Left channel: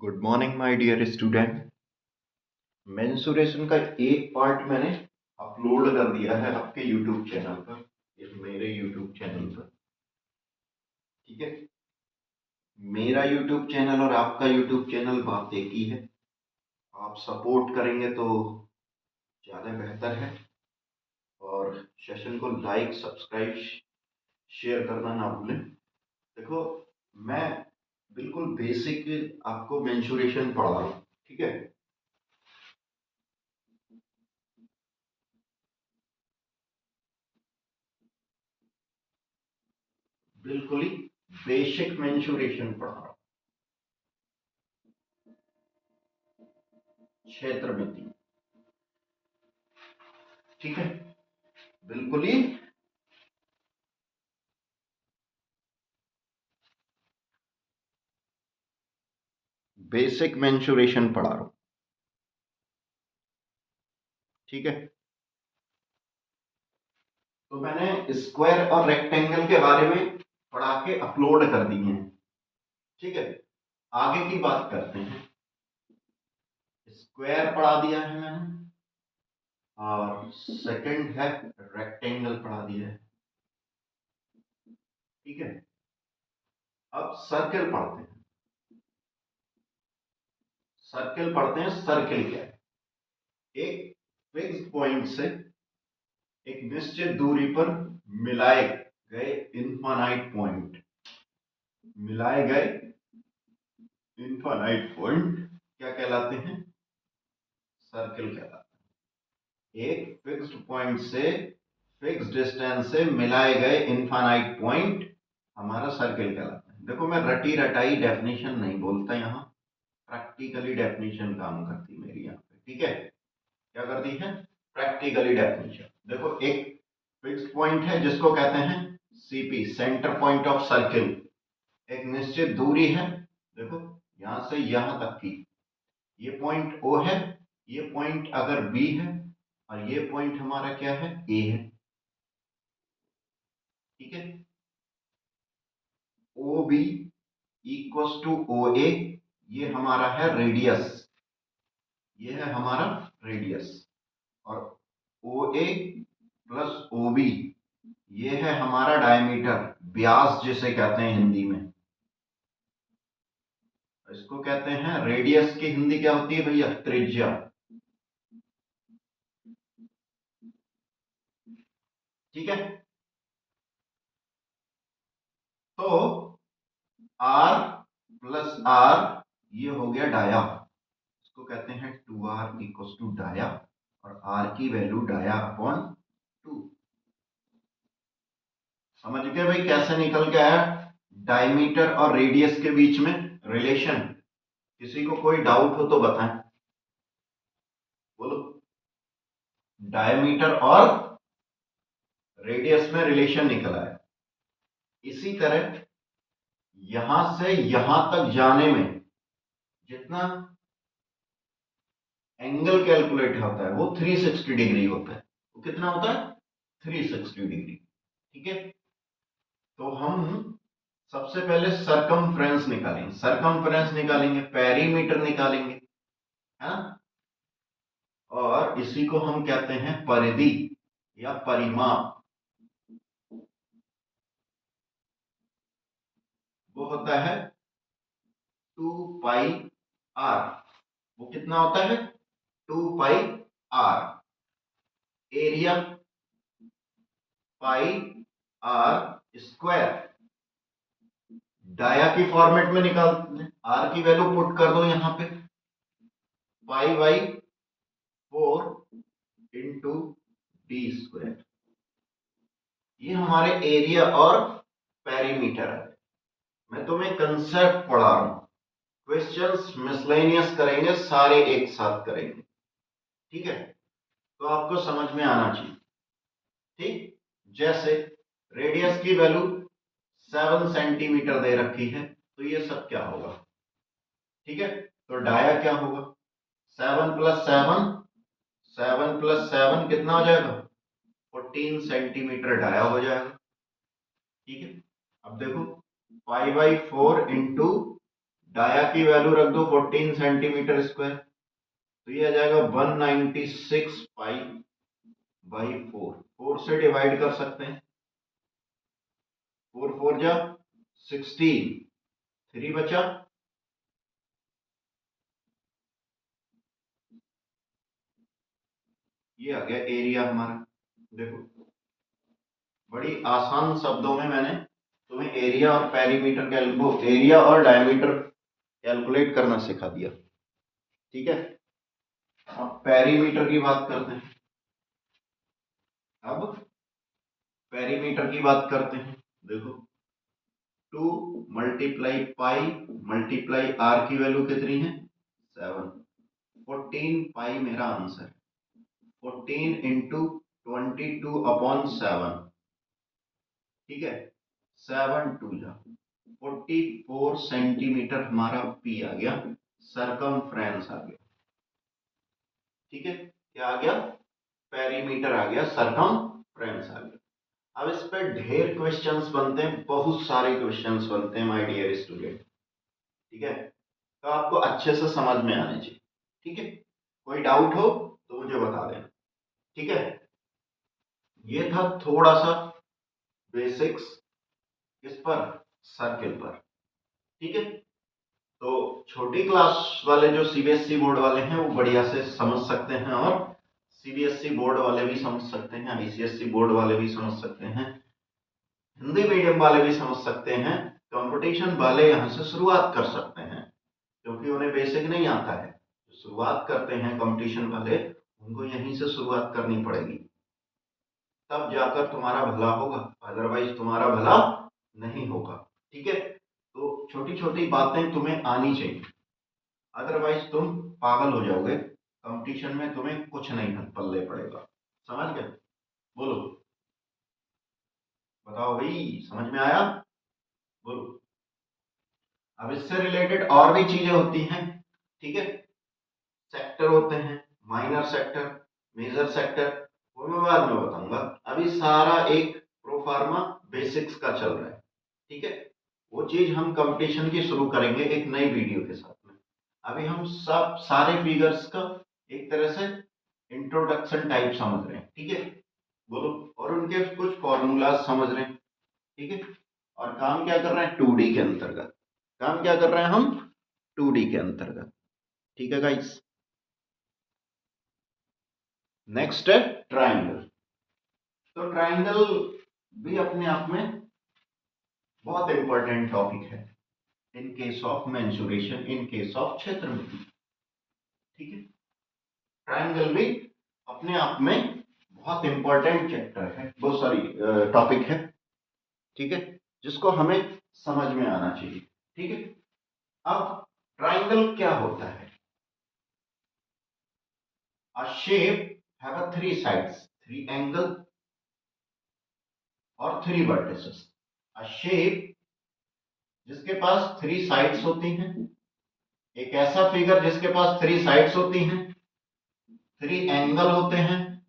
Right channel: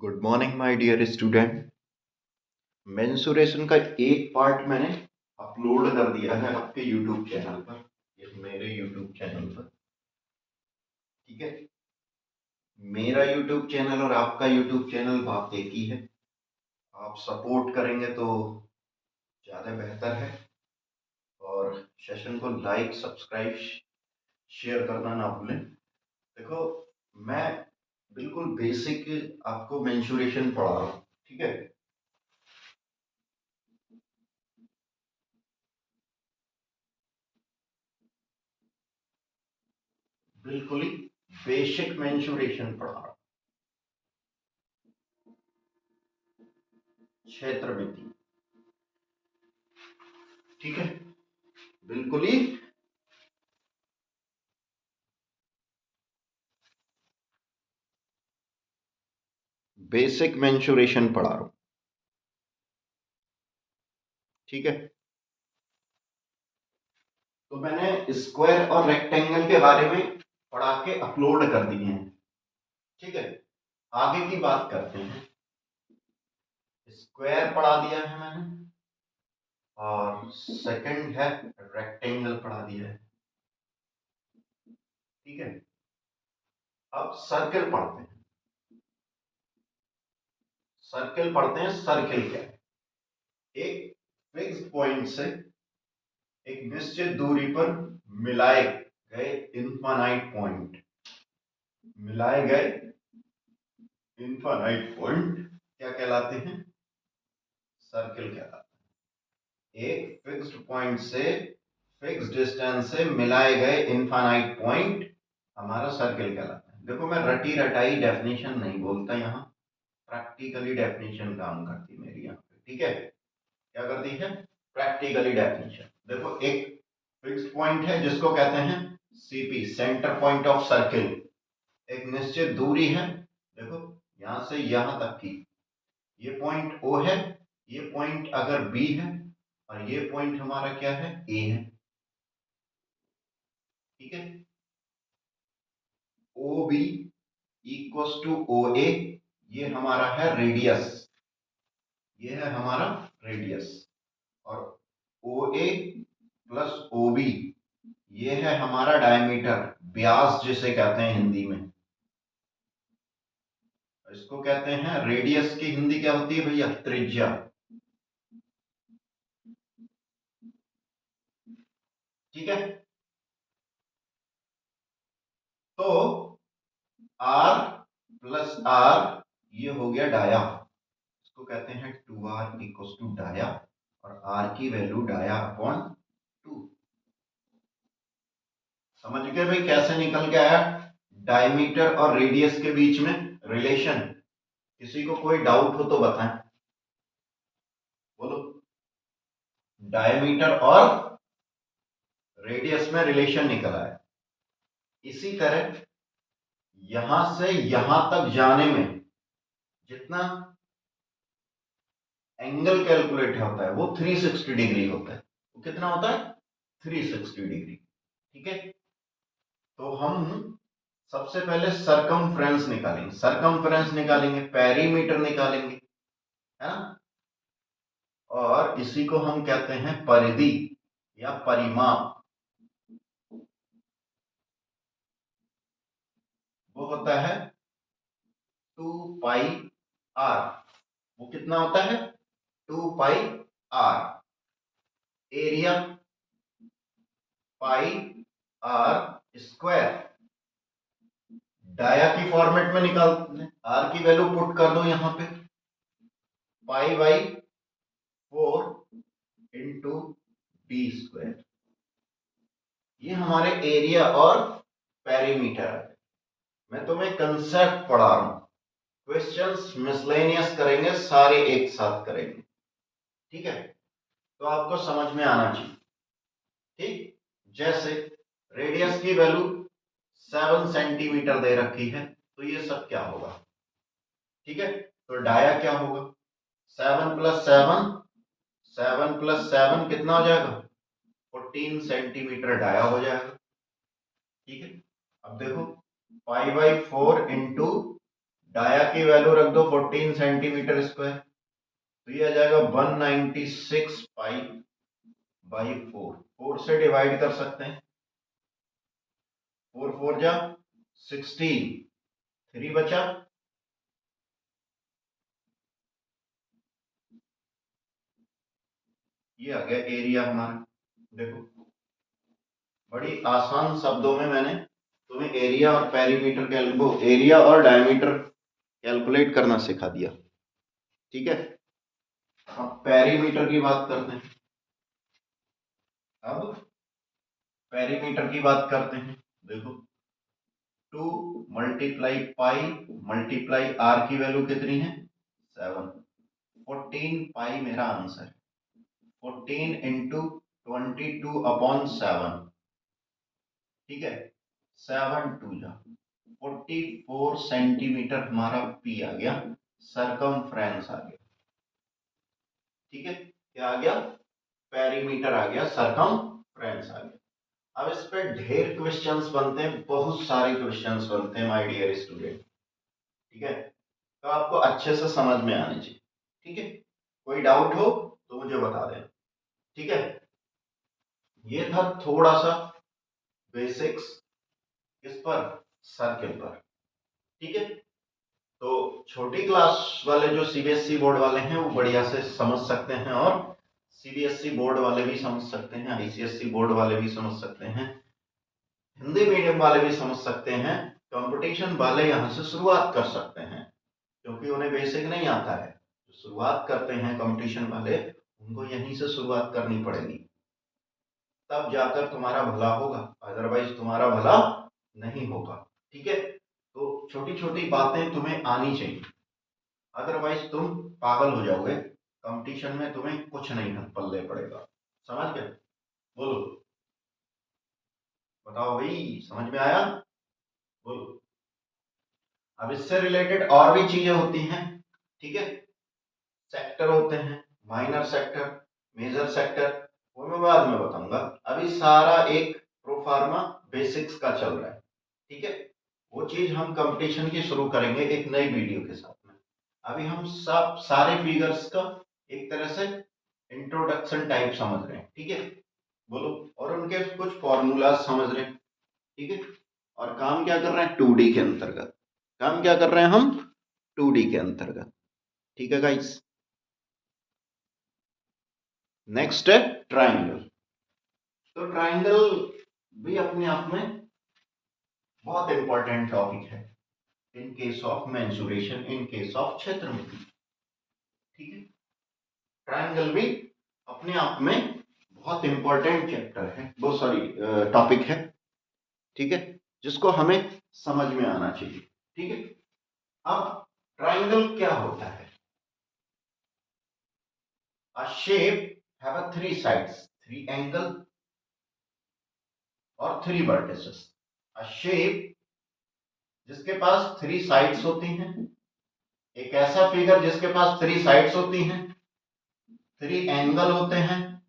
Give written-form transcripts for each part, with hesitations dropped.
Good morning my dear student. Mensuration का एक part मैंने अपलोड कर दिया है आपके यूट्यूब चैनल पर, मेरे यूट्यूब चैनल पर। ठीक है, मेरा यूट्यूब चैनल और आपका यूट्यूब चैनल बात एक ही है। आप सपोर्ट करेंगे तो ज़्यादा बेहतर है, और सेशन को लाइक सब्सक्राइब शेयर करना ना भूलें। देखो, मैं बिल्कुल बेसिक आपको मेंसुरेशन पढ़ा रहा हूँ। ठीक है, बिल्कुल ही बेसिक मेंसुरेशन पढ़ा रहा हूँ। क्षेत्र में थी। ठीक है, बिल्कुल ही बेसिक मेंसुरेशन पढ़ा रहा हूं। ठीक है, तो मैंने स्क्वायर और रेक्टेंगल के बारे में पढ़ा के अपलोड कर दिए हैं। ठीक है, आगे की बात करते हैं। स्क्वायर पढ़ा दिया है मैंने, और सेकंड है रेक्टेंगल पढ़ा दिया है। ठीक है, अब सर्कल पढ़ते हैं। सर्कल पढ़ते हैं। सर्कल क्या है? एक फिक्स पॉइंट से एक निश्चित दूरी पर मिलाए गए इनफाइनाइट पॉइंट, मिलाए गए इनफाइनाइट पॉइंट क्या कहलाते हैं? सर्कल कहलाते हैं। एक फिक्स्ड पॉइंट से फिक्स डिस्टेंस से मिलाए गए इनफाइनाइट पॉइंट हमारा सर्कल कहलाता है। देखो, मैं रटी रटाई डेफिनेशन नहीं बोलता, यहाँ प्रैक्टिकली डेफिनेशन काम करती मेरी यहाँ पे। ठीक है, क्या करती है? Practically definition. देखो, एक फिक्स्ड पॉइंट है जिसको कहते हैं CP, centre point of circle. एक निश्चित दूरी है, देखो यहां से यहां तक की, ये पॉइंट ओ है, ये पॉइंट अगर बी है, और ये पॉइंट हमारा क्या है? ए है। ठीक है, O B equals to O A, ये हमारा है रेडियस, ये है हमारा रेडियस। और ओ ए प्लस ओ बी, ये है हमारा डायमीटर, व्यास जिसे कहते हैं हिंदी में। इसको कहते हैं रेडियस की हिंदी क्या होती है भैया? त्रिज्या। ठीक है, तो आर प्लस आर, ये हो गया डाया। इसको कहते हैं 2r इक्वल टू डाया, और r की वैल्यू डाया अपॉन 2। समझ गए भाई कैसे निकल के आया डायमीटर और रेडियस के बीच में रिलेशन? किसी को कोई डाउट हो तो बताएं, बोलो। डायमीटर और रेडियस में रिलेशन निकल आया। इसी तरह यहां से यहां तक जाने में जितना एंगल कैलकुलेट होता है वो 360 डिग्री होता है। वो कितना होता है? 360 डिग्री। ठीक है, तो हम सबसे पहले सरकमफ्रेंस निकालेंगे। सरकमफ्रेंस निकालेंगे, पेरीमीटर निकालेंगे, है ना? और इसी को हम कहते हैं परिधि या परिमाप। वो होता है 2 पाई आर। वो कितना होता है? 2 pi R. Area pi R square. Dia की फॉर्मेट में निकालते हैं, आर की वैल्यू पुट कर दो यहां पे, पाई/4 × d²। ये हमारे एरिया और पेरीमीटर है। मैं तुम्हें कंसेप्ट पढ़ा रहा हूं, क्वेश्चंस मिसलेनियस करेंगे, सारे एक साथ करेंगे। ठीक है, तो आपको समझ में आना चाहिए। ठीक, जैसे रेडियस की वैल्यू 7 सेंटीमीटर दे रखी है, तो ये सब क्या होगा? ठीक है, तो डाया क्या होगा? 7 + 7, 7 + 7 कितना हो जाएगा? 14 सेंटीमीटर डाया हो जाएगा। ठीक है, अब देखो, पाई/4 × डाया की वैल्यू रख दो 14 सेंटीमीटर स्क्वायर, तो ये आ जाएगा 196 पाई बाई 4, 4 से डिवाइड कर सकते हैं, 4 4 जा 16, 3 बचा, ये आ गया एरिया हमारा। देखो बड़ी आसान शब्दों में मैंने तुम्हें एरिया और पेरीमीटर एरिया और डायमीटर कैलकुलेट करना सिखा दिया। ठीक है, अब पेरीमीटर की बात करते हैं। अब पेरीमीटर की बात करते हैं। देखो 2 मल्टीप्लाई पाई मल्टीप्लाई आर की वैल्यू कितनी है 7, 14 पाई मेरा आंसर, 14 इंटू 22/7, ठीक है, 7 2 जा 44 सेंटीमीटर हमारा पी आ गया, सरकमफ्रेंस आ गया। ठीक है, क्या आ गया, पेरीमीटर आ गया, सरकमफ्रेंस आ गया। अब इस पे ढेर क्वेश्चंस बनते हैं, बहुत सारे क्वेश्चंस बनते हैं माय डियर स्टूडेंट। ठीक है, तो आपको अच्छे से समझ में आने चाहिए। ठीक है, कोई डाउट हो तो मुझे बता देना। ठीक है, ये था थोड़ा सा बेसिक्स इस पर, सर्किल पर। ठीक है, तो छोटी क्लास वाले जो सीबीएसई बोर्ड वाले हैं वो बढ़िया से समझ सकते हैं, और सीबीएसई बोर्ड वाले भी समझ सकते हैं, आईसीएसई बोर्ड वाले भी समझ सकते हैं, हिंदी मीडियम वाले भी समझ सकते हैं, कंपटीशन वाले यहाँ से शुरुआत कर सकते हैं, क्योंकि उन्हें बेसिक नहीं आता है। तो शुरुआत करते हैं कंपटीशन वाले, उनको यहीं से शुरुआत करनी पड़ेगी, तब जाकर तुम्हारा भला होगा, अदरवाइज तुम्हारा भला नहीं होगा। ठीक है, तो छोटी छोटी बातें तुम्हें आनी चाहिए, अदरवाइज तुम पागल हो जाओगे, कंपटीशन में तुम्हें कुछ नहीं पल्ले पड़ेगा। समझ गए, बोलो, बताओ भाई, समझ में आया, बोलो। अब इससे रिलेटेड और भी चीजें होती हैं। ठीक है, सेक्टर होते हैं, माइनर सेक्टर, मेजर सेक्टर, वो मैं बाद में बताऊंगा। अभी सारा एक प्रोफार्मा बेसिक्स का चल रहा है। ठीक है, वो चीज हम कंपटीशन की शुरू करेंगे एक नई वीडियो के साथ में। अभी हम सब सारे फिगर्स का एक तरह से इंट्रोडक्शन टाइप समझ रहे हैं। ठीक है, बोलो, और उनके कुछ फॉर्मूला समझ रहे हैं। ठीक है, और काम क्या कर रहे हैं 2D के अंतर्गत, काम क्या कर रहे हैं हम 2D के अंतर्गत। ठीक है गाइस, नेक्स्ट है ट्राइंगल। तो ट्राइंगल भी अपने आप में बहुत इंपॉर्टेंट टॉपिक है in case of mensuration, in case of क्षेत्रमिति। ठीक है, ट्राइंगल भी अपने आप में बहुत इंपॉर्टेंट चैप्टर है, बहुत सारी टॉपिक है। ठीक है, जिसको हमें समझ में आना चाहिए। ठीक है, अब ट्राइंगल क्या होता है, a shape have a 3 sides, 3 angle और 3 vertices। a shape जिसके पास 3 साइड्स होती हैं, एक ऐसा फिगर जिसके पास 3 साइड्स होती हैं, 3 एंगल होते हैं,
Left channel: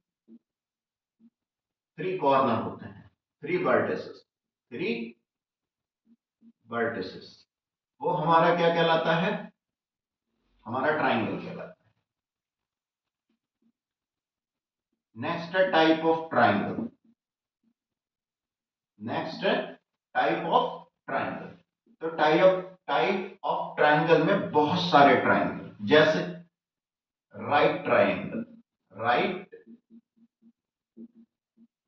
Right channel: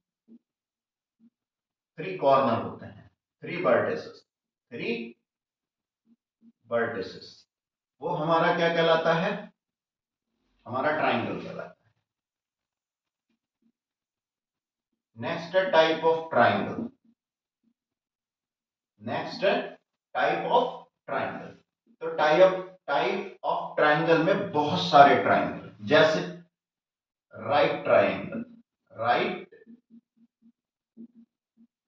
3 कॉर्नर होते हैं, 3 वर्टिसेस, 3 वर्टिसेस, वो हमारा क्या कहलाता है, हमारा ट्राइंगल कहलाता है। नेक्स्ट है टाइप ऑफ ट्राइंगल, नेक्स्ट है टाइप ऑफ ट्राइंगल। तो टाइप ऑफ ट्राइंगल में बहुत सारे ट्राइंगल, जैसे right triangle, right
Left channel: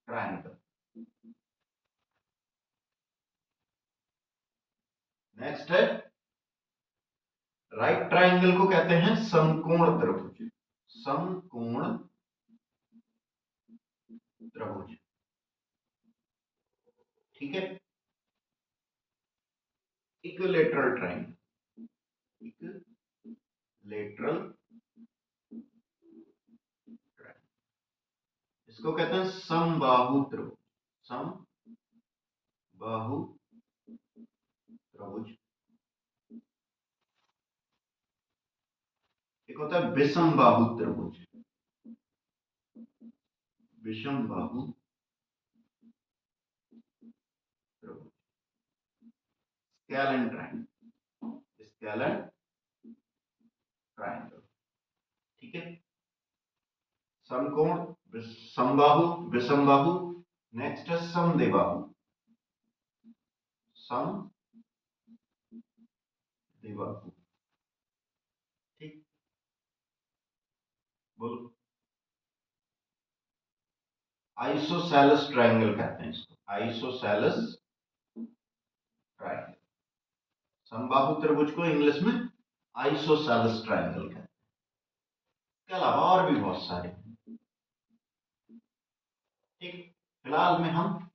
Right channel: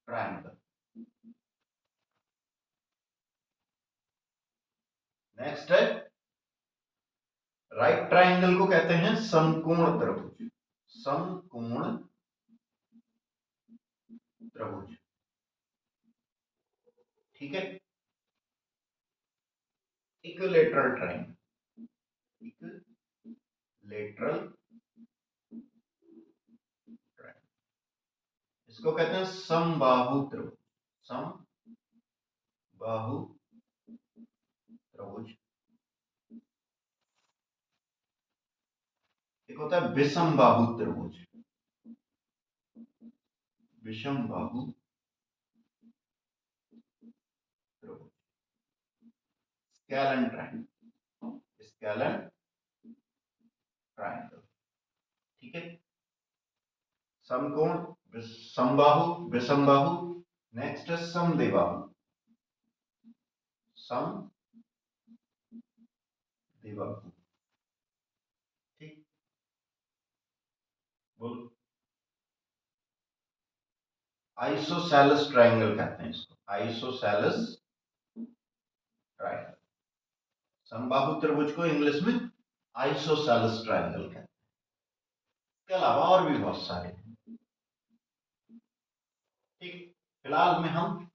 triangle, next है राइट ट्राइंगल को कहते हैं समकोण त्रिभुज, समकोण त्रिभुज। ठीक है, इक्विलेटरल ट्राइंगल, इक्विलेटरल ट्राइंगल, इसको कहते हैं समबाहु त्रिभुज, समबाहु त्रिभुज। एक होता है विषम बाहु त्रिभुज, विषम बाहु त्रिभुज, स्केलन ट्राइंगल, स्केलन ट्रायंगल। ठीक है, समकोण, समबाहु, विषमबाहु। नेक्स्ट है समद्विबाहु, समद्विबाहु। ठीक, बोलो। आइसोसेलेस ट्रायंगल कहते हैं इसको, आइसोसेलेस ट्रायंगल। समबाहु त्रिभुज को इंग्लिश में आइसोसेलेस ट्रायंगल कहते हैं। इसके अलावा और भी बहुत सारे हैं। ठीक, फिलहाल में हम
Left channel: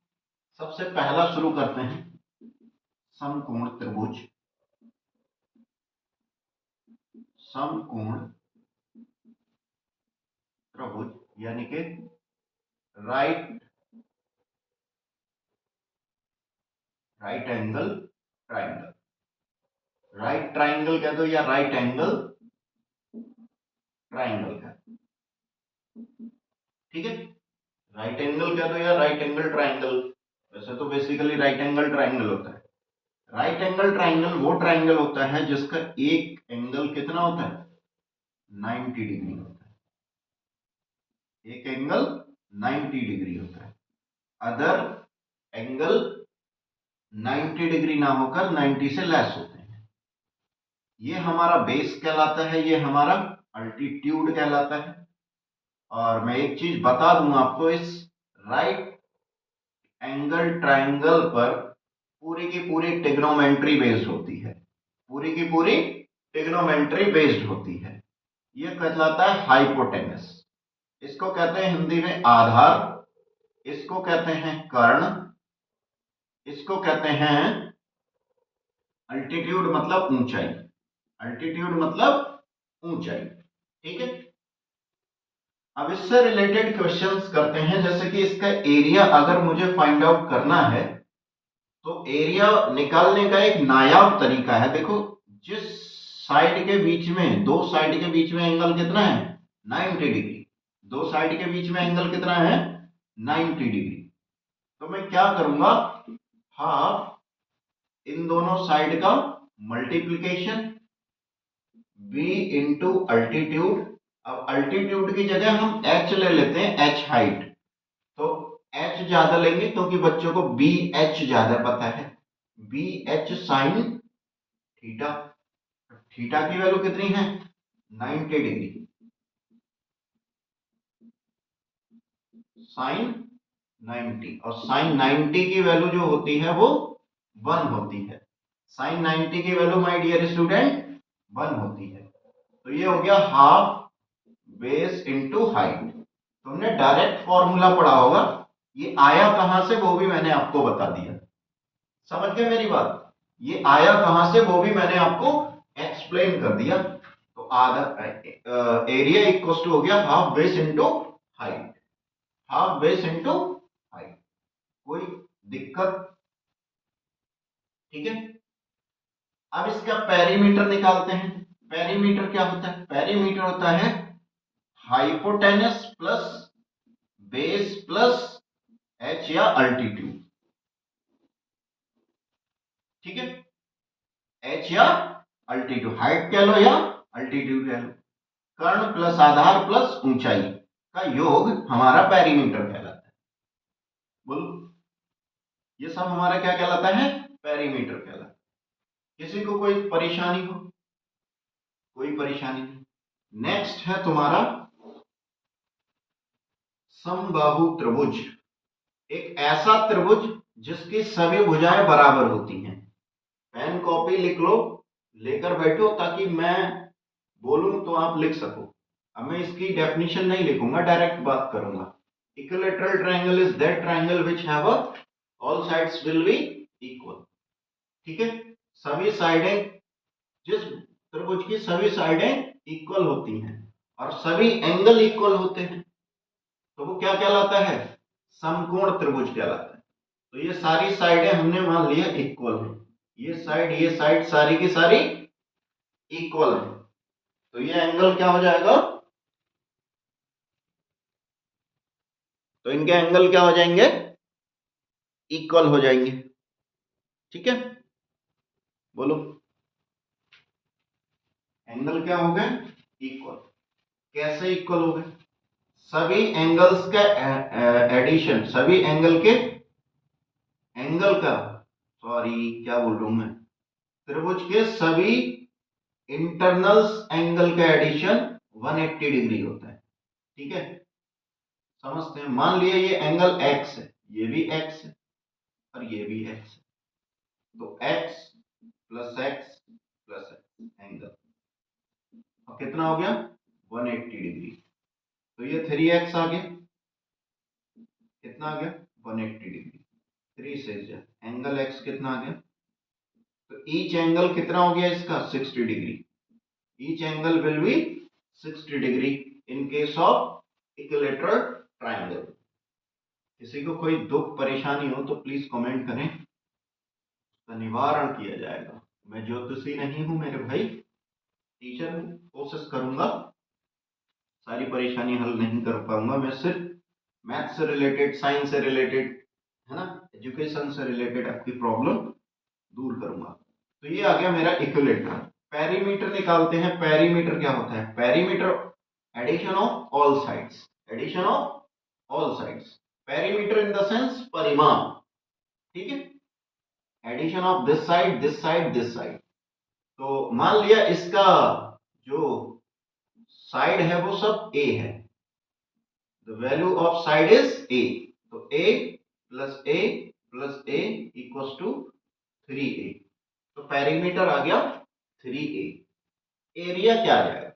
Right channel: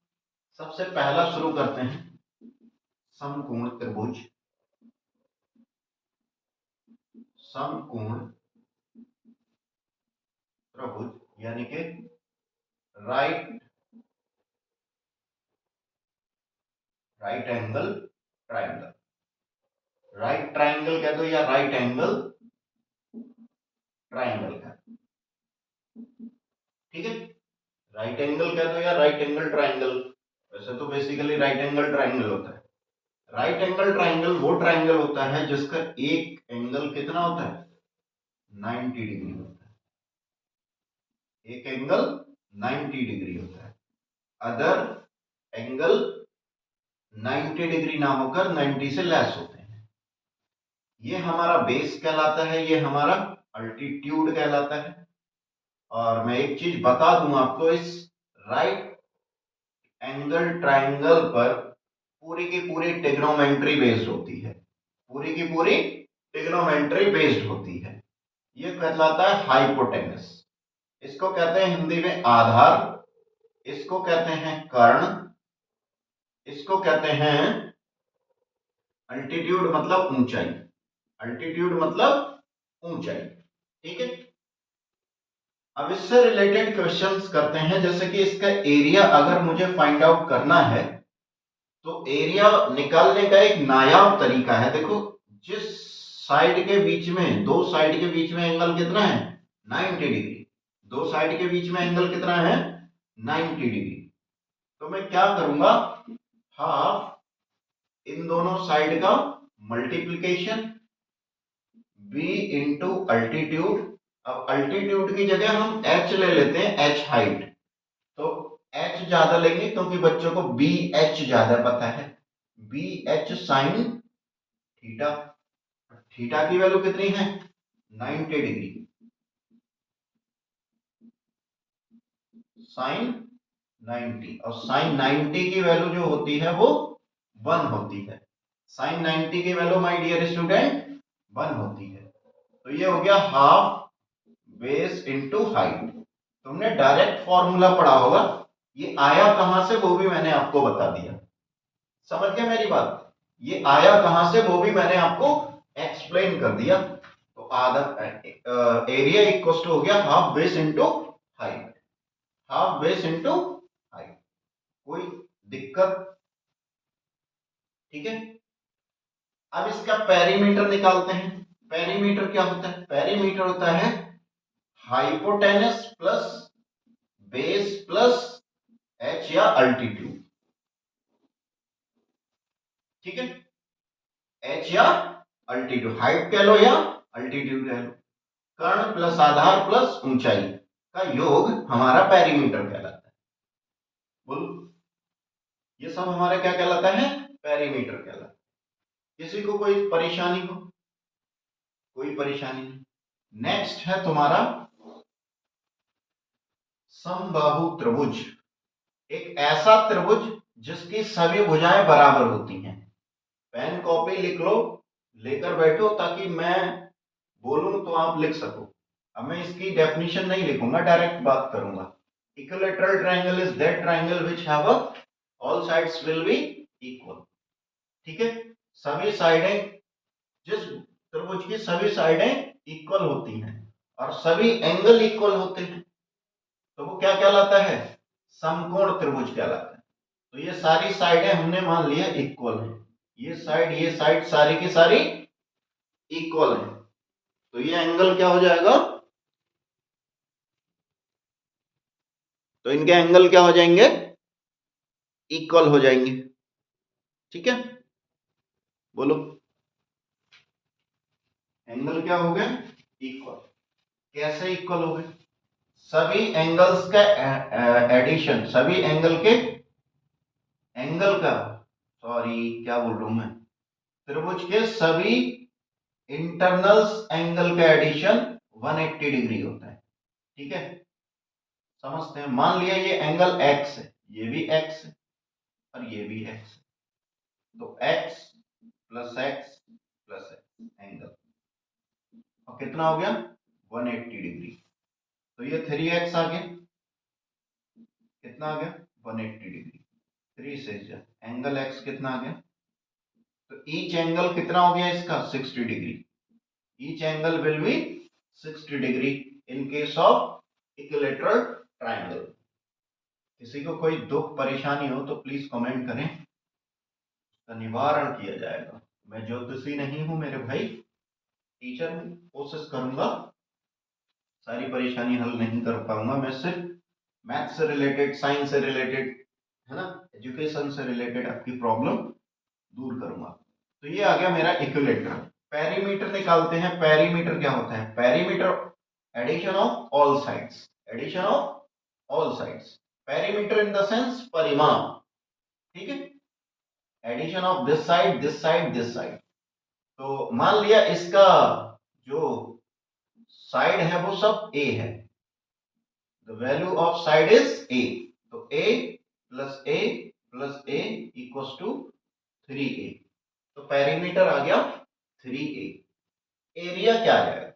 सबसे पहला शुरू करते हैं समकोण त्रिभुज। समकोण त्रिभुज यानी कि right angle triangle. Right triangle कह दो या राइट एंगल ट्रायंगल कह दो। ठीक है, राइट एंगल कह दो या राइट एंगल ट्रायंगल। वैसे तो बेसिकली राइट एंगल ट्रायंगल होता है। राइट एंगल ट्रायंगल वो ट्रायंगल होता है जिसका एक एंगल कितना होता है, 90 डिग्री होता है। एक एंगल 90 डिग्री होता है। अदर एंगल 90 डिग्री ना होकर 90 से लेस होते हैं। ये हमारा बेस कहलाता है, ये हमारा अल्टीट्यूड कहलाता है। और मैं एक चीज बता दूं आपको, इस राइट एंगल ट्रायंगल पर पूरी की पूरी ट्रिग्नोमेट्री बेस्ड होती है। पूरी की पूरी ट्रिग्नोमेट्री बेस्ड होती है। ये कहलाता है हाइपोटेनस। इसको कहते हैं हिंदी में आधार, इसको कहते हैं कर्ण, इसको कहते हैं अल्टीट्यूड मतलब ऊंचाई। अल्टीट्यूड मतलब ऊंचाई। ठीक है, अब इससे रिलेटेड क्वेश्चंस करते हैं। जैसे कि इसका एरिया अगर मुझे फाइंड आउट करना है तो एरिया निकालने का एक नायाब तरीका है। देखो, जिस साइड के बीच में, दो साइड के बीच में एंगल कितना है, 90 डिग्री। दो साइड के बीच में एंगल कितना है, 90 डिग्री। तो मैं क्या करूंगा, हाफ इन दोनों साइड का मल्टीप्लीकेशन v इंटू अल्टीट्यूड। अब अल्टीट्यूड की जगह हम h ले लेते हैं, h हाइट। तो h ज्यादा लेंगे क्योंकि बच्चों को बी एच ज्यादा पता है, b h sine theta. Theta की वैल्यू कितनी है, 90 डिग्री। साइन 90, और साइन 90 की वैल्यू जो होती है वो 1 होती है। साइन 90 की वैल्यू माय डियर स्टूडेंट 1 होती है। तो ये हो गया हाफ बेस इंटू हाइट। तुमने डायरेक्ट फॉर्मूला पढ़ा होगा, ये आया कहां से वो भी मैंने आपको बता दिया। समझ गए मेरी बात, ये आया कहां से वो भी मैंने आपको एक्सप्लेन कर दिया। तो आधा एरिया इक्वल टू हो गया half base into height. Half base into height, कोई दिक्कत? ठीक है, अब इसका पेरीमीटर निकालते हैं। पेरीमीटर क्या होता है, पेरीमीटर होता है hypotenuse plus base plus H या अल्टीट्यूड। ठीक है, एच या अल्टीट्यूड, हाइट कह लो या अल्टीट्यूड कह लो। कर्ण प्लस आधार प्लस ऊंचाई का योग हमारा पेरीमीटर कहलाता है। बोलो, ये सब हमारा क्या कहलाता है, पेरीमीटर कहलाता है। किसी को कोई परेशानी हो, कोई परेशानी नहीं। नेक्स्ट है तुम्हारा समबाहु त्रिभुज। एक ऐसा त्रिभुज जिसकी सभी भुजाएं बराबर होती हैं। पेन कॉपी लिख लो, लेकर बैठो, ताकि मैं बोलूं तो आप लिख सको। अब मैं इसकी डेफिनेशन नहीं लिखूंगा, डायरेक्ट बात करूंगा। Equilateral triangle is that triangle which have all sides will be equal. ठीक है, सभी साइडें, जिस त्रिभुज की सभी साइडें इक्वल होती हैं और सभी एंगल इक्वल होते हैं, तो वो क्या कहलाता है, समकोण त्रिभुज कहलाता है। तो ये सारी साइडें हमने मान लिया इक्वल है, ये साइड सारी की सारी इक्वल है। तो ये एंगल क्या हो जाएगा, तो इनके एंगल क्या हो जाएंगे, इक्वल हो जाएंगे। ठीक है, बोलो। एंगल क्या हो गए? इक्वल। कैसे इक्वल हो गए? सभी एंगल्स का एडिशन, सभी एंगल के एंगल का, सॉरी क्या बोल रहा हूं मैं, त्रिभुज के सभी इंटरनल्स एंगल का एडिशन 180 डिग्री होता है। ठीक है, समझते हैं। मान लिया ये एंगल x है, ये भी x है और ये भी x है, तो x plus x plus x angle, और कितना हो गया? 180 डिग्री। तो ये 3x आ गया, कितना आ गया? 180 डिग्री। 3 से एंगल x कितना आ गया? तो ईच एंगल कितना हो गया इसका? 60 degree. Each angle will be 60 degree in case of equilateral triangle. किसी को कोई दुख परेशानी हो तो प्लीज कमेंट करें, उसका निवारण किया जाएगा। मैं ज्योतिषी नहीं हूं मेरे भाई, टीचर हूं, कोशिश करूंगा, सारी परेशानी हल नहीं कर पाऊंगा। मैं सिर्फ मैथ से रिलेटेड, साइंस से रिलेटेड, है ना, एजुकेशन से रिलेटेड आपकी प्रॉब्लम दूर करूंगा। तो ये आ गया मेरा इक्विलैटरल। पेरीमीटर निकालते हैं। पेरीमीटर क्या होता है? Perimeter addition of all sides, addition of all sides. Perimeter in the sense परिमाप, ठीक है, addition of this side, this side, this side. तो मान लिया इसका जो साइड है वो सब a है, the value of side is a, तो a plus a plus a equals to 3a। तो पेरीमीटर आ गया 3a। एरिया क्या है?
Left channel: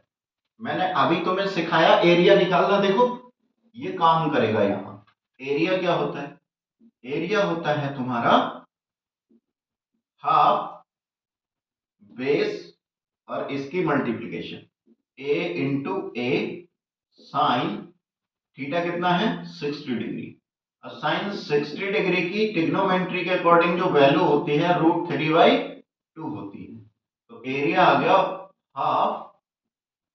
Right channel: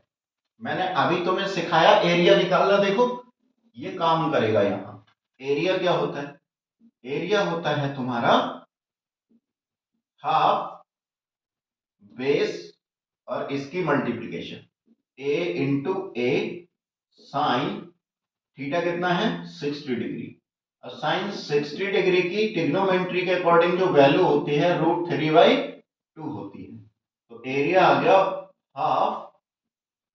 मैंने अभी तुम्हें सिखाया एरिया निकालना, देखो ये काम करेगा यहां। एरिया क्या होता है? एरिया होता है तुम्हारा हाफ बेस और इसकी multiplication, a into A sine theta कितना है? 60 डिग्री। और साइन 60 डिग्री की ट्रिग्नोमेट्री के अकॉर्डिंग जो वैल्यू होती है √3/2 होती है। तो एरिया आ गया हाफ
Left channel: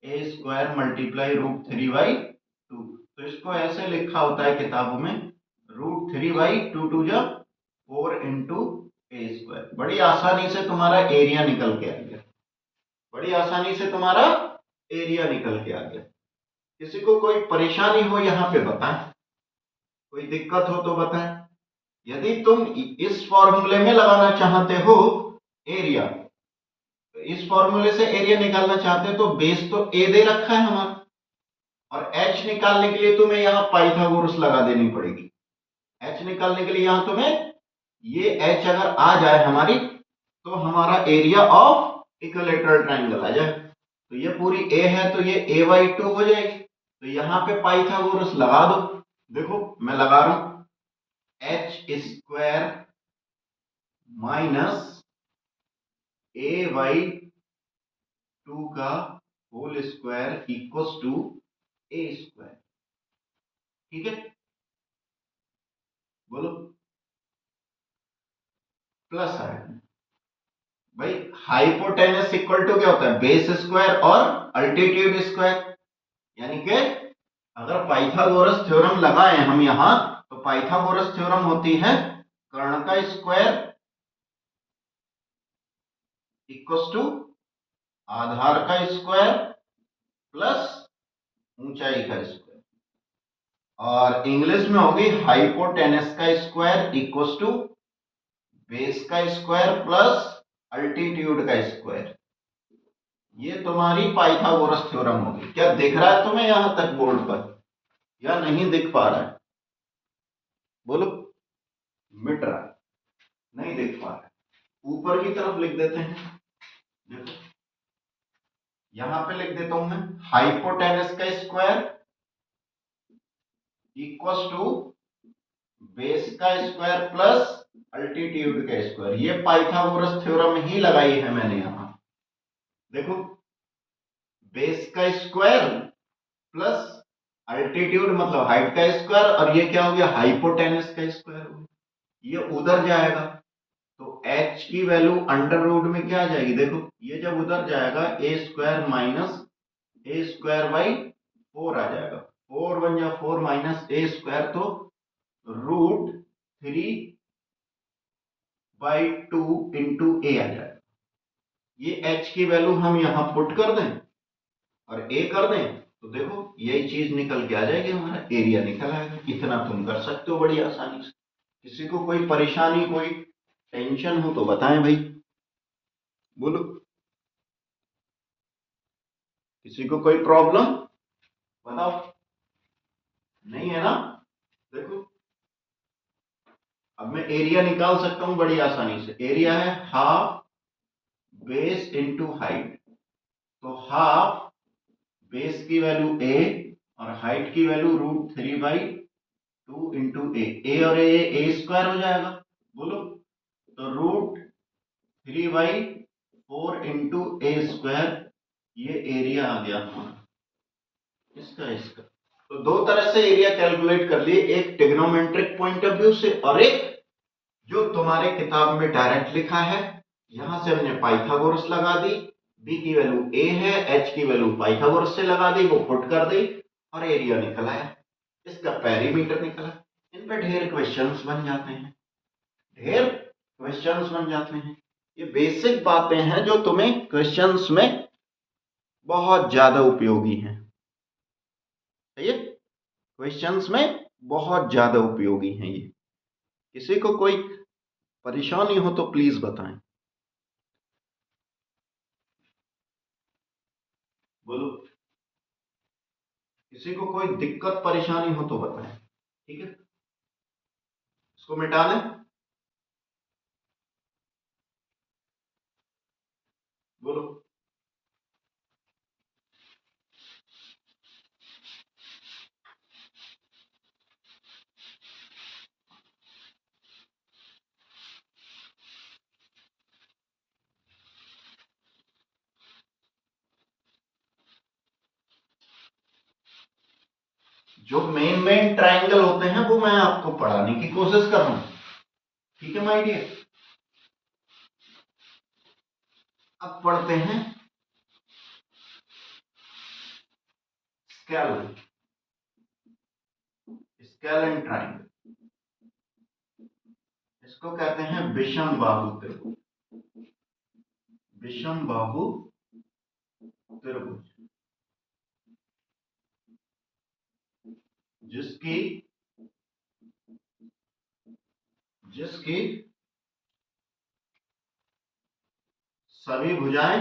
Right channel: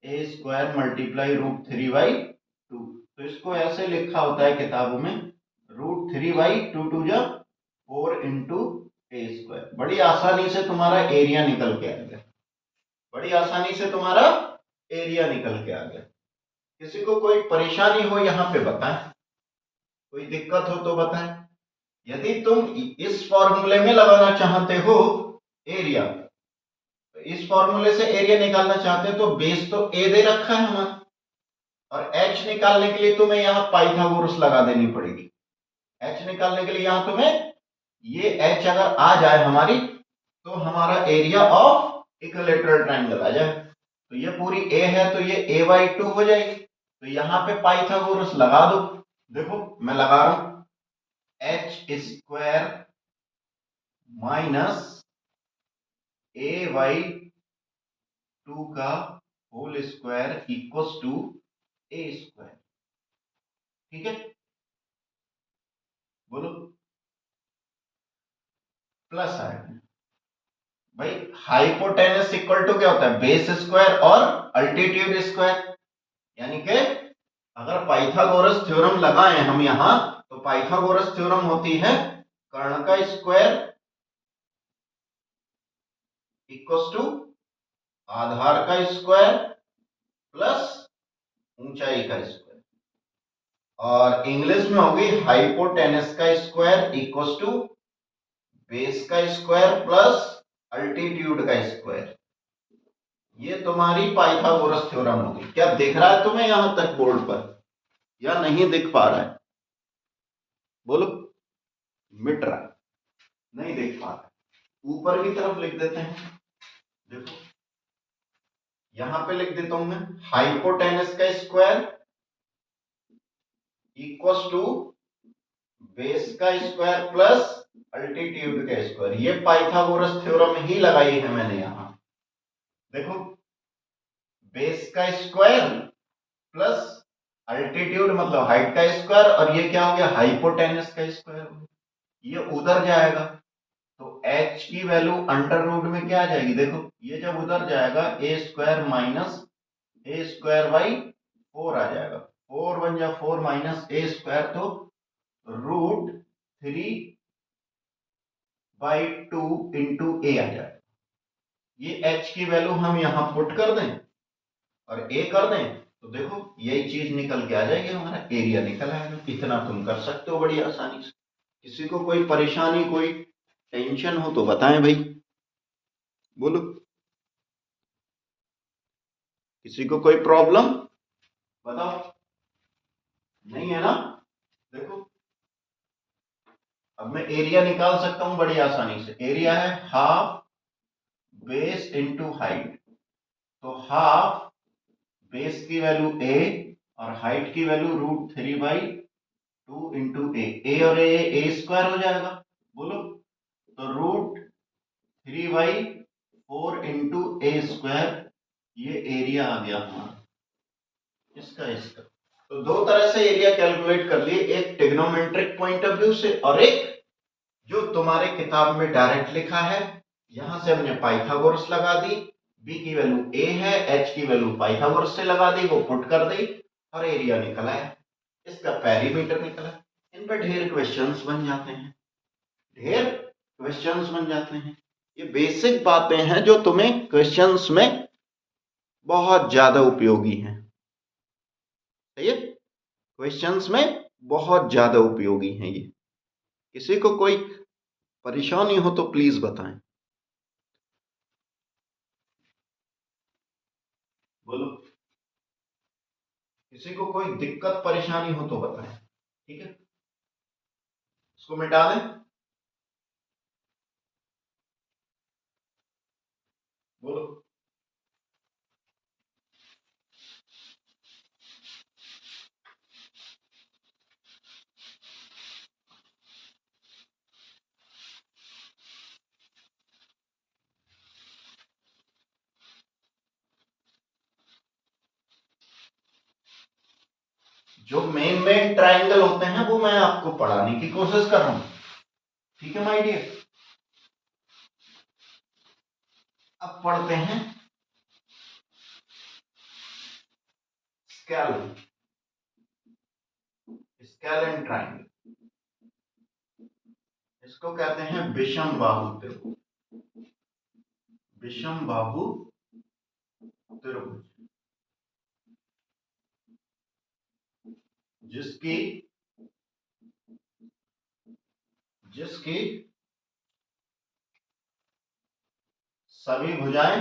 ए स्क्वायर मल्टीप्लाई √3/2। तो इसको ऐसे लिखा होता है किताबों में, √3/2 टू जब 4 इंटू ए स्क्वायर। बड़ी आसानी से तुम्हारा एरिया निकल के आ गया, बड़ी आसानी से तुम्हारा एरिया निकल के आ गया। किसी को कोई परेशानी हो यहाँ पे बताएं, कोई दिक्कत हो तो बताएं। यदि तुम इस फॉर्मूले में लगाना चाहते हो एरिया, तो इस फॉर्मूले से एरिया निकालना चाहते हो तो बेस तो ए दे रखा है हमारा, और एच निकालने के लिए तुम्हें यहां पाइथागोरस लगा देनी पड़ेगी। एच निकालने के लिए यहां तुम्हें ये एच अगर आ जाए हमारी, तो हमारा एरिया ऑफ इक्विलैटरल ट्रायंगल आ जाए। तो ये पूरी ए है तो ये a/2 हो जाएगी। तो यहां पे पाइथागोरस लगा दो। देखो मैं लगा रहा हूं, एच स्क्वायर माइनस a/2 का whole square equals to a square. ठीक है, बोलो प्लस आएगा। भाई हाइपोटेनस इक्वल टू क्या होता है? बेस स्क्वायर और अल्टीट्यूड स्क्वायर। यानी कि अगर पाइथागोरस थ्योरम लगाएं हम यहां, तो पाइथागोरस थ्योरम होती है कर्ण का स्क्वायर इक्वल्स टू आधार का स्क्वायर प्लस ऊंचाई का स्क्वायर, और इंग्लिश में होगी हाइपोटेनस का स्क्वायर इक्वल्स टू बेस का स्क्वायर प्लस अल्टीट्यूड का स्क्वायर। ये तुम्हारी पाइथागोरस थ्योरम होगी। क्या दिख रहा है तुम्हें यहां तक बोर्ड पर, या नहीं दिख पा रहा है? बोलो, मिट रहा है, नहीं दिख पा रहा है। ऊपर की तरफ लिख देते हैं, देखो यहां पे लिख देता हूं मैं, हाइपोटेनस का स्क्वायर इक्वल्स टू बेस का स्क्वायर प्लस अल्टीट्यूड का स्क्वायर। ये पाइथागोरस थ्योरम ही लगाई है मैंने यहां। देखो बेस का स्क्वायर प्लस अल्टीट्यूड मतलब हाइट का स्क्वायर, और ये क्या हो गया? हाइपोटेनस का स्क्वायर। ये उधर जाएगा तो h की वैल्यू अंडर रूट में क्या आ जाएगी? देखो ये जब उधर जाएगा A square minus A square by 4 आ जाएगा। 4 × 1 = 4 माइनस ए स्क्वायर, तो √3/2 इंटू ए आ जाएगा। ये h की वैल्यू हम यहां पुट कर दें और a कर दें तो देखो यही चीज निकल के आ जाएगी, हमारा एरिया निकल आएगा। इतना तुम कर सकते हो बड़ी आसानी से। किसी को कोई परेशानी, कोई टेंशन हो तो बताएं भाई, बोलो। किसी को कोई प्रॉब्लम बताओ, नहीं है ना? देखो अब मैं एरिया निकाल सकता हूं बड़ी आसानी से। एरिया है हाफ बेस इनटू हाइट। तो हाफ बेस की वैल्यू a और हाइट की वैल्यू √3/2 इंटू ए और ए स्क्वायर हो जाएगा, बोलो। तो √3/4 इंटू ए स्क्वायर, ये एरिया आ गया हमारा इसका। तो दो तरह से एरिया कैलकुलेट कर लिए, एक ट्रिग्नोमेट्रिक पॉइंट ऑफ व्यू से और एक जो तुम्हारे किताब में डायरेक्ट लिखा है। यहां से हमने पाइथागोरस लगा दी, b की वैल्यू a है, h की वैल्यू पाइथागोरस से लगा दी, वो पुट कर दी और एरिया निकला है, इसका पेरीमीटर निकला। इन पर ढेर क्वेश्चंस बन जाते हैं, ढेर क्वेश्चंस बन जाते हैं। ये बेसिक बातें हैं जो तुम्हें क्वेश्चंस में बहुत ज्यादा उपयोगी हैं, सही है? क्वेश्चंस में बहुत ज्यादा उपयोगी हैं ये। किसी को कोई परेशानी हो तो प्लीज बताएं, बोलो। किसी को कोई दिक्कत परेशानी हो तो बताएं, ठीक है? इसको मिटा दें, बोलो। जो मेन ट्रायंगल होते हैं वो मैं आपको पढ़ाने की कोशिश कर रहा हूं, ठीक है माय डियर? अब पढ़ते हैं स्केल, स्केलेन ट्रायंगल। इसको कहते हैं विषम बाहु त्रिभुज, विषम बाहु त्रिभुज, जिसकी जिसकी सभी भुजाएं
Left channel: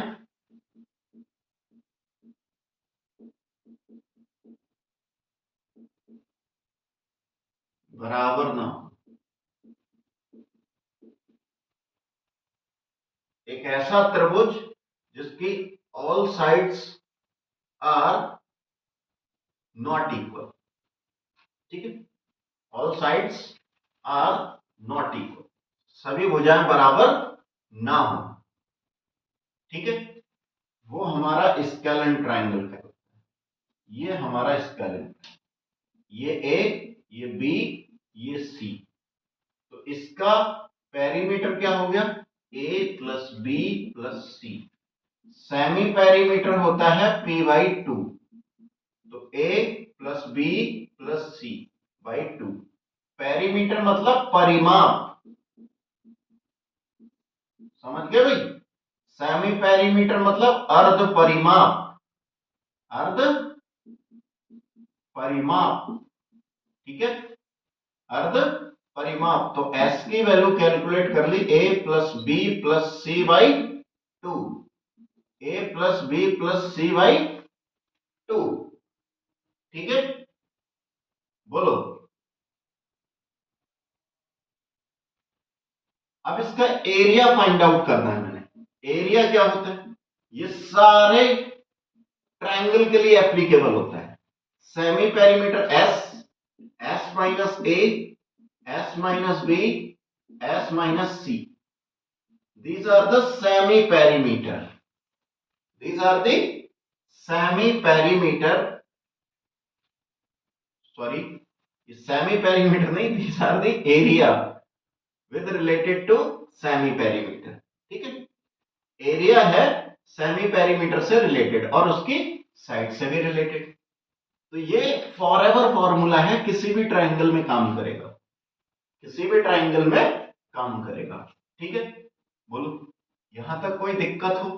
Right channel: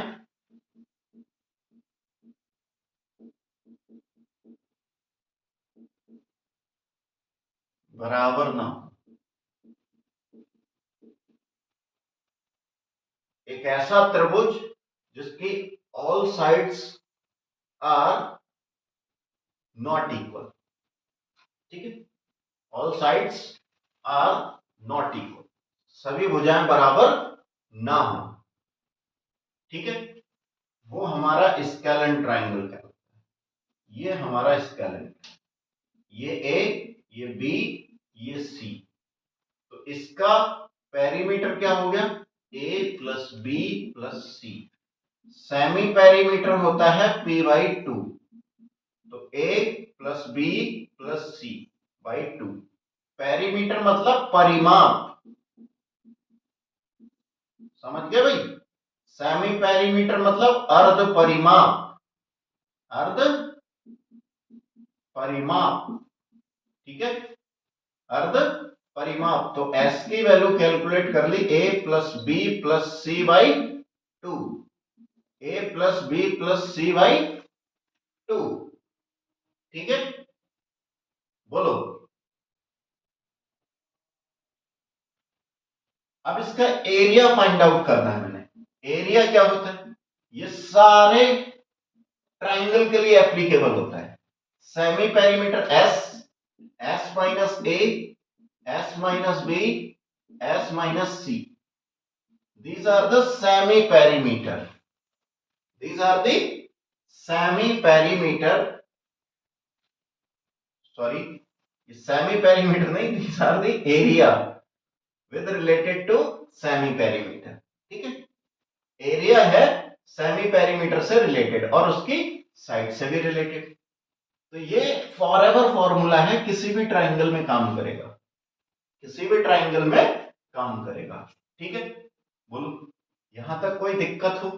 बराबर ना हो। एक ऐसा त्रिभुज जिसकी all sides are not equal, ठीक है? All sides are not equal, सभी भुजाएं बराबर ना हो, ठीक है? वो हमारा स्केलेन ट्रायंगल कहलाता है। ये हमारा स्केलेन, ये ए, ये बी, ये सी। तो इसका पेरीमीटर क्या हो गया? A plus B plus C. Semi perimeter होता है p/2। तो A plus B plus C by 2। Perimeter मतलब परिमाप, समझ गए भाई? सेमी पेरीमीटर मतलब अर्ध परिमाप, अर्ध परिमाप, ठीक है? अर्ध परिमाप। तो s की वैल्यू कैलकुलेट कर ली, a plus B plus C by 2, a plus B plus C by 2, ठीक है? बोलो। अब इसका एरिया फाइंड आउट करना है मैंने। एरिया क्या होता है? ये सारे ट्रायंगल के लिए एप्लीकेबल होता है। Semi perimeter s, s minus a, s minus b, s minus c. These are the semi perimeter. These are the semi perimeter. Sorry, semi perimeter नहीं, these are the area with related to semi perimeter, ठीक है? Area है semi perimeter से related और उसकी side से भी related. तो ये फॉरएवर फॉर्मूला है, किसी भी ट्रायंगल में काम करेगा, किसी भी ट्रायंगल में काम करेगा, ठीक है? बोलो, यहां तक कोई दिक्कत हो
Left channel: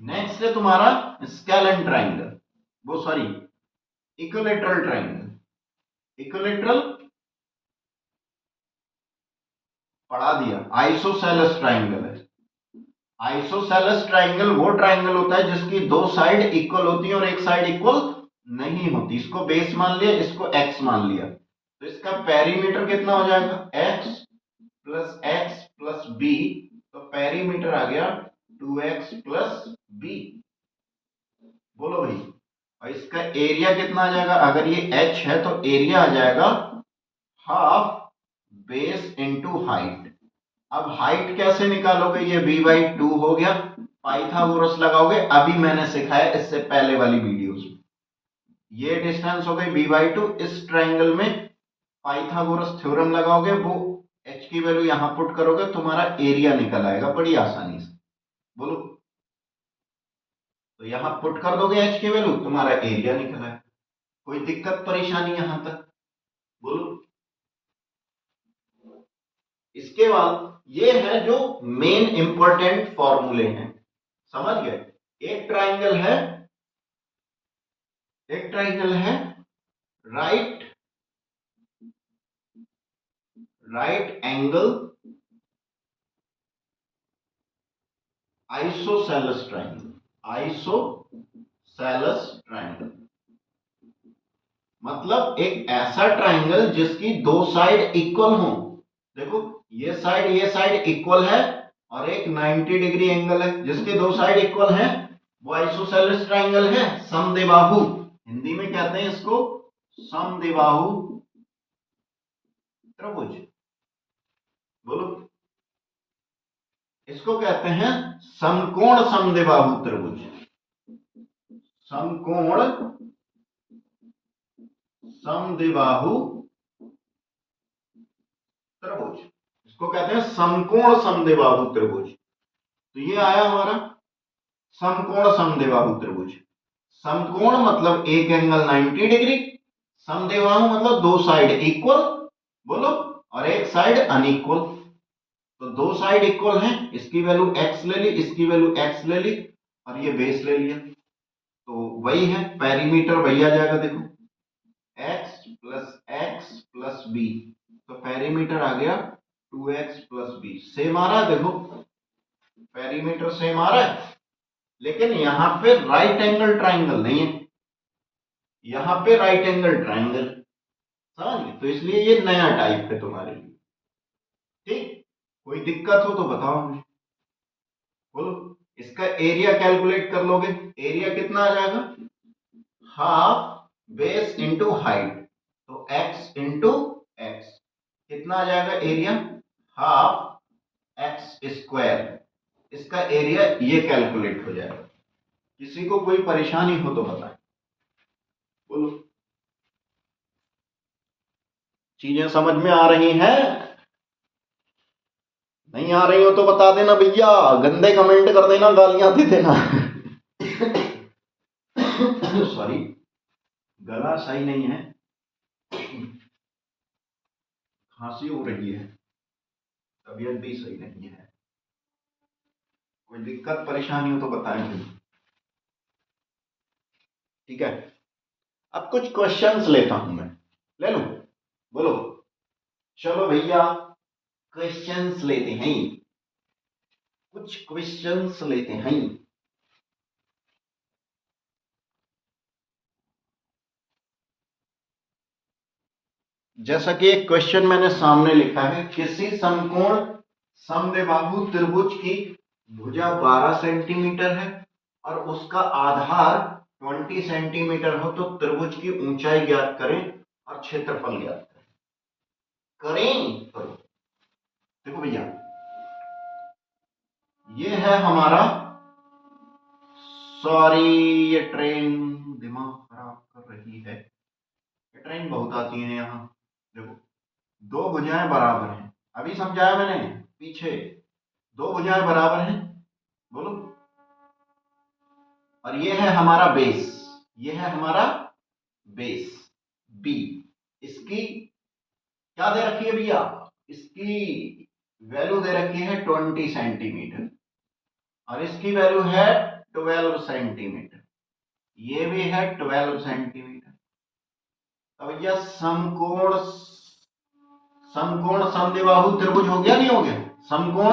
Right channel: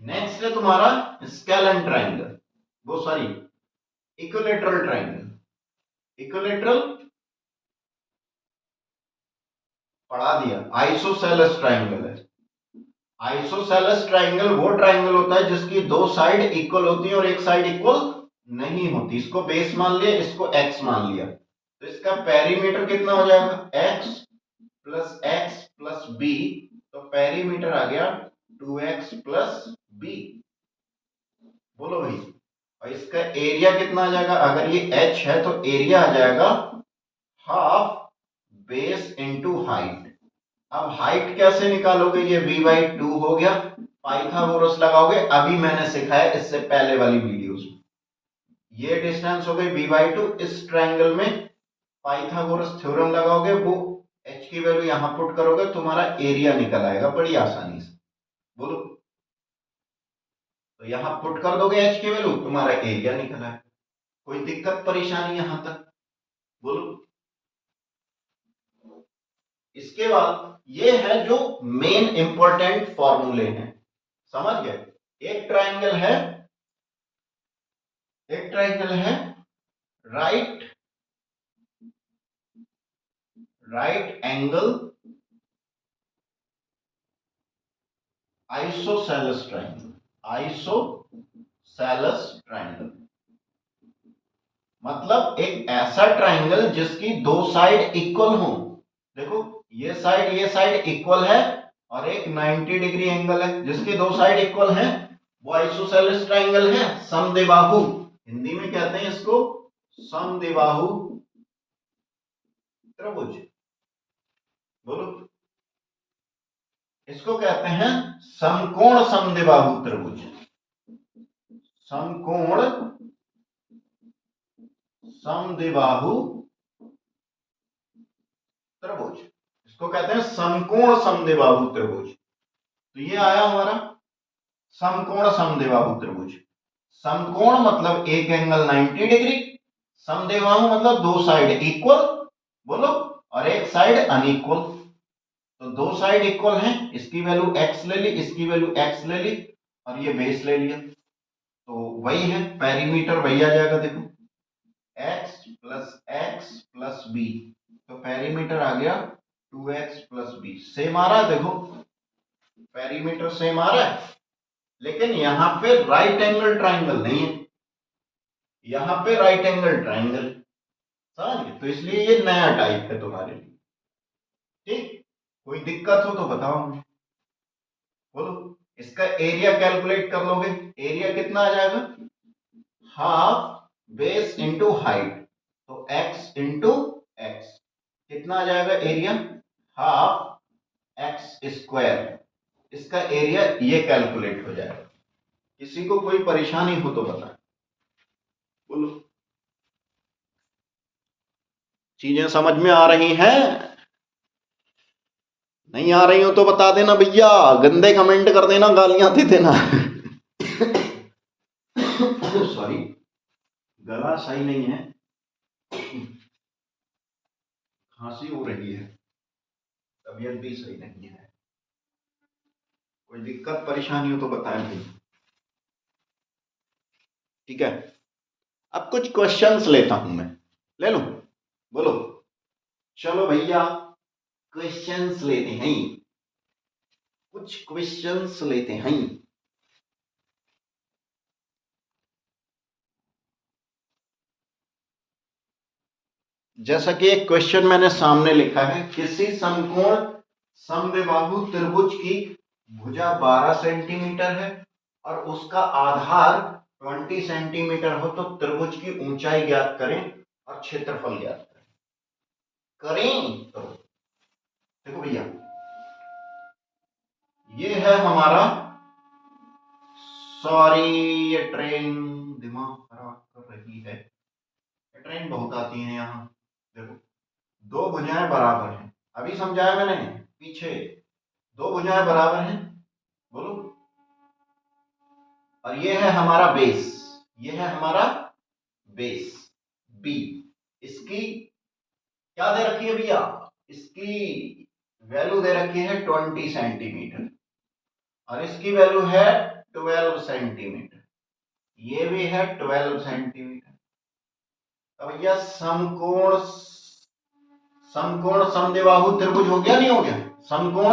नेक्स्ट है तुम्हारा स्केलन ट्राइंगल, वो सॉरी इक्विलेटरल ट्राइंगल। इक्विलेटरल पढ़ा दिया, आइसोसेलेस ट्राइंगल है। आइसोसेलेस ट्राइंगल वो ट्राइंगल होता है जिसकी दो साइड इक्वल होती है और एक साइड इक्वल नहीं होती। इसको बेस मान लिया, इसको एक्स मान लिया, तो इसका पेरीमीटर कितना हो जाएगा, एक्स प्लस बी, तो पेरीमीटर आ गया 2x प्लस बी। बोलो भाई, और इसका एरिया कितना आ जाएगा, अगर ये h है तो एरिया आ जाएगा हाफ बेस इंटू हाइट। अब हाइट कैसे निकालोगे, ये b/2 हो गया, पाइथागोरस लगाओगे, अभी मैंने सिखाया इससे पहले वाली वीडियोस में। ये डिस्टेंस हो गई b/2, इस ट्रायंगल में पाइथागोरस थ्योरम लगाओगे, वो h की वैल्यू यहां पुट करोगे, तुम्हारा एरिया निकल आएगा बड़ी आसानी से। बोलो, तो यहां पुट कर दोगे h की वैल्यू, तुम्हारा एरिया निकल आएगा। कोई दिक्कत परेशानी यहां तक, बोलो। इसके बाद ये है जो मेन इंपॉर्टेंट फॉर्मूले हैं, समझ गए। एक ट्राइंगल है, एक ट्राइंगल है right angle isosceles triangle. Isosceles triangle मतलब एक ऐसा ट्राइंगल जिसकी दो साइड इक्वल हो। देखो, ये साइड इक्वल है और एक 90 डिग्री एंगल है, जिसके दो साइड इक्वल हैं, वो आइसोसेलेस ट्राइंगल है। समद्विबाहु, हिंदी में कहते हैं इसको समद्विबाहु त्रिभुज। बोलो, इसको कहते हैं समकोण समद्विबाहु त्रिभुज। समकोण समद्विबाहु त्रिभुज, इसको कहते हैं समकोण समद्विबाहु त्रिभुज। तो ये आया हमारा समकोण समद्विबाहु त्रिभुज। समकोण मतलब एक एंगल 90 डिग्री, समद्विबाहु मतलब दो साइड इक्वल, बोलो, और एक साइड अनइक्वल। तो दो साइड इक्वल हैं, इसकी वैल्यू x ले ली, इसकी वैल्यू x ले ली, और ये बेस ले लिया, तो वही है पेरीमीटर, वही आ जाएगा। देखो, x प्लस बी, तो पेरीमीटर आ गया 2x प्लस बी। सेम आ रहा है, देखो पेरीमीटर सेम आ रहा है, लेकिन यहां पे राइट एंगल ट्राइंगल नहीं है, यहां पे राइट एंगल ट्राइंगल, समझ गए। तो इसलिए ये नया टाइप है तुम्हारे लिए, ठीक। कोई दिक्कत हो तो बताओ मुझे, बोलो। इसका एरिया कैलकुलेट कर लोगे, एरिया कितना आ जाएगा, हाफ बेस इंटू हाइट, तो x इंटू एक्स, कितना आ जाएगा एरिया, हाफ एक्स स्क्वायर। इसका एरिया ये कैलकुलेट हो जाएगा। किसी को कोई परेशानी हो तो बताएं, बोलो। चीजें समझ में आ रही हैं, नहीं आ रही हो तो बता देना भैया, गंदे कमेंट कर देना, गालियां दे देना। सॉरी, गला सही नहीं है, खांसी हो रही है, तबीयत भी सही नहीं है। कोई दिक्कत परेशानी हो तो बताएं भाई, ठीक है। अब कुछ क्वेश्चंस लेता हूं मैं, ले लो, बोलो। चलो भैया, क्वेश्चंस लेते हैं, कुछ क्वेश्चंस लेते हैं। जैसा कि एक क्वेश्चन मैंने सामने लिखा है, किसी समकोण समद्विबाहु त्रिभुज की भुजा 12 सेंटीमीटर है और उसका आधार 20 सेंटीमीटर हो, तो त्रिभुज की ऊंचाई ज्ञात करें और क्षेत्रफल ज्ञात करें। करो, देखो भैया, ये है हमारा, सॉरी ये ट्रेन दिमाग खराब कर रही है, ये ट्रेन बहुत आती है यहाँ। देखो, दो भुजाएं बराबर हैं, अभी समझाया मैंने पीछे, दो भुजाएं बराबर हैं, बोलो, और ये है हमारा बेस, ये है हमारा बेस बी। इसकी क्या दे रखी है भैया, इसकी वैल्यू दे रखी है 20 सेंटीमीटर, और इसकी वैल्यू है 12 सेंटीमीटर, ये भी है 12 सेंटीमीटर। तो भैया समकोण समकोण समद्विबाहु त्रिभुज हो गया, नहीं हो गया? समकोण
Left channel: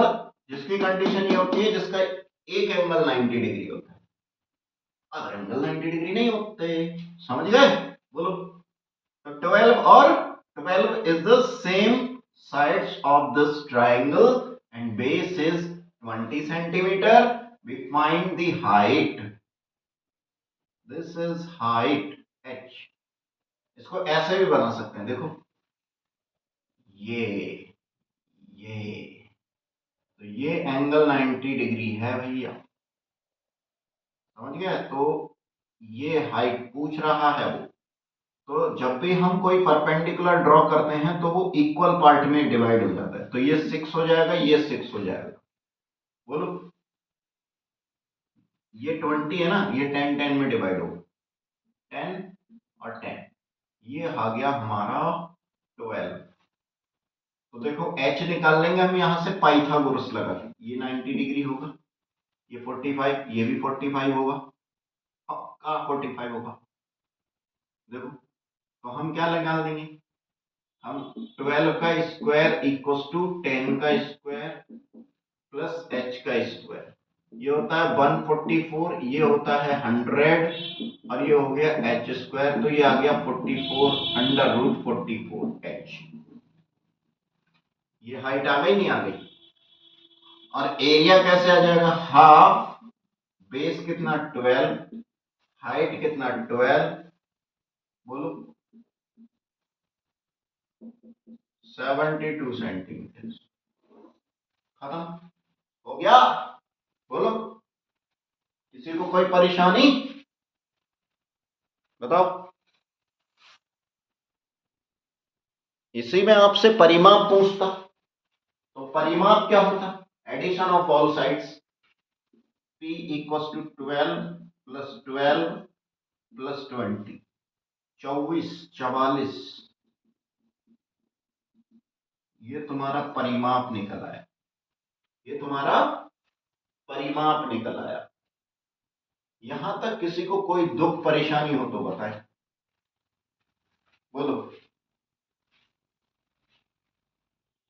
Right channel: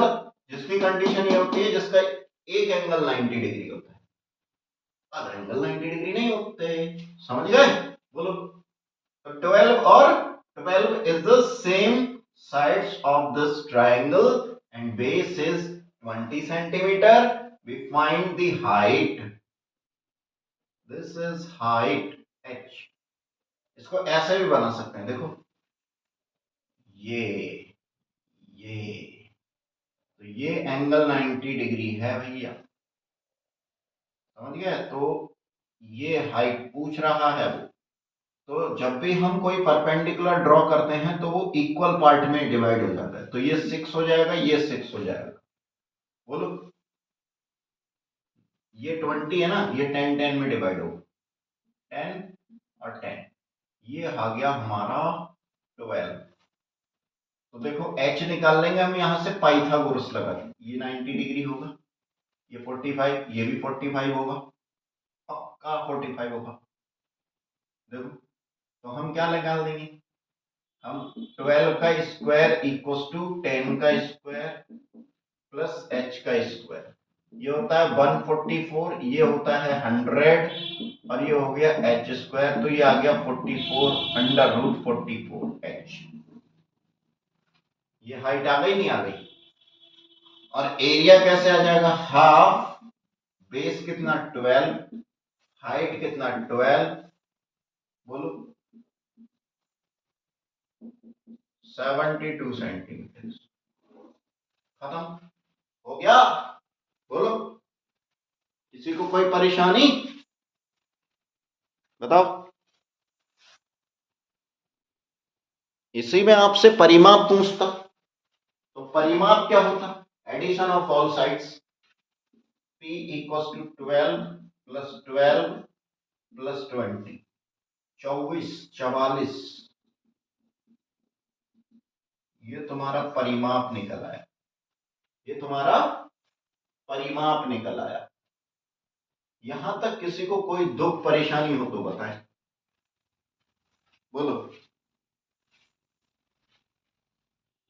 जिसकी कंडीशन ये होती है जिसका एक एंगल 90 डिग्री होता है, अदर एंगल 90 डिग्री नहीं होते। समझ गए? बोलो। तो 12 और 12 is the same sides of this triangle and base is 20 centimeter. We find the height. This is height h. इसको ऐसे भी बना सकते हैं, देखो ये तो ये एंगल 90 डिग्री है भैया, समझ गए? तो ये हाइट पूछ रहा है वो। तो जब भी हम कोई परपेंडिकुलर ड्रॉ करते हैं तो वो इक्वल पार्ट में डिवाइड हो जाता है, तो ये 6 हो जाएगा, ये 6 हो जाएगा। बोलो, ये 20 है ना, ये 10 10 में डिवाइड होगा, 10 और 10, ये आ गया हमारा 12। तो देखो h निकाल लेंगे हम यहाँ से पाइथागोरस लगा के, ये 90 डिग्री होगा, ये 45, ये भी 45 होगा, पक्का 45 होगा। देखो, तो हम क्या निकाल देंगे, हम 12 का स्क्वायर इक्वल्स टू 10 का स्क्वायर प्लस h का स्क्वायर, ये होता है 144, ये होता है 100 और ये हो गया h स्क्वायर, तो ये आ गया 44 अंडर रूट 44 h। ये हाइट आ गई, नहीं आ गई? और एरिया कैसे आ जाएगा, हाफ बेस कितना 12, हाइट कितना 12, बोलो 72 सेंटीमीटर। खत्म हो गया? बोलो, किसी को कोई परेशानी बताओ? इसी में आपसे परिमाप पूछता, तो परिमाप क्या होता, addition of all sides, p equals to 12 plus 12 plus 20, 24 44, ये तुम्हारा परिमाप निकल आया, ये तुम्हारा परिमाप निकल आया। यहां तक किसी को कोई दुख परेशानी हो तो बताए, बोलो।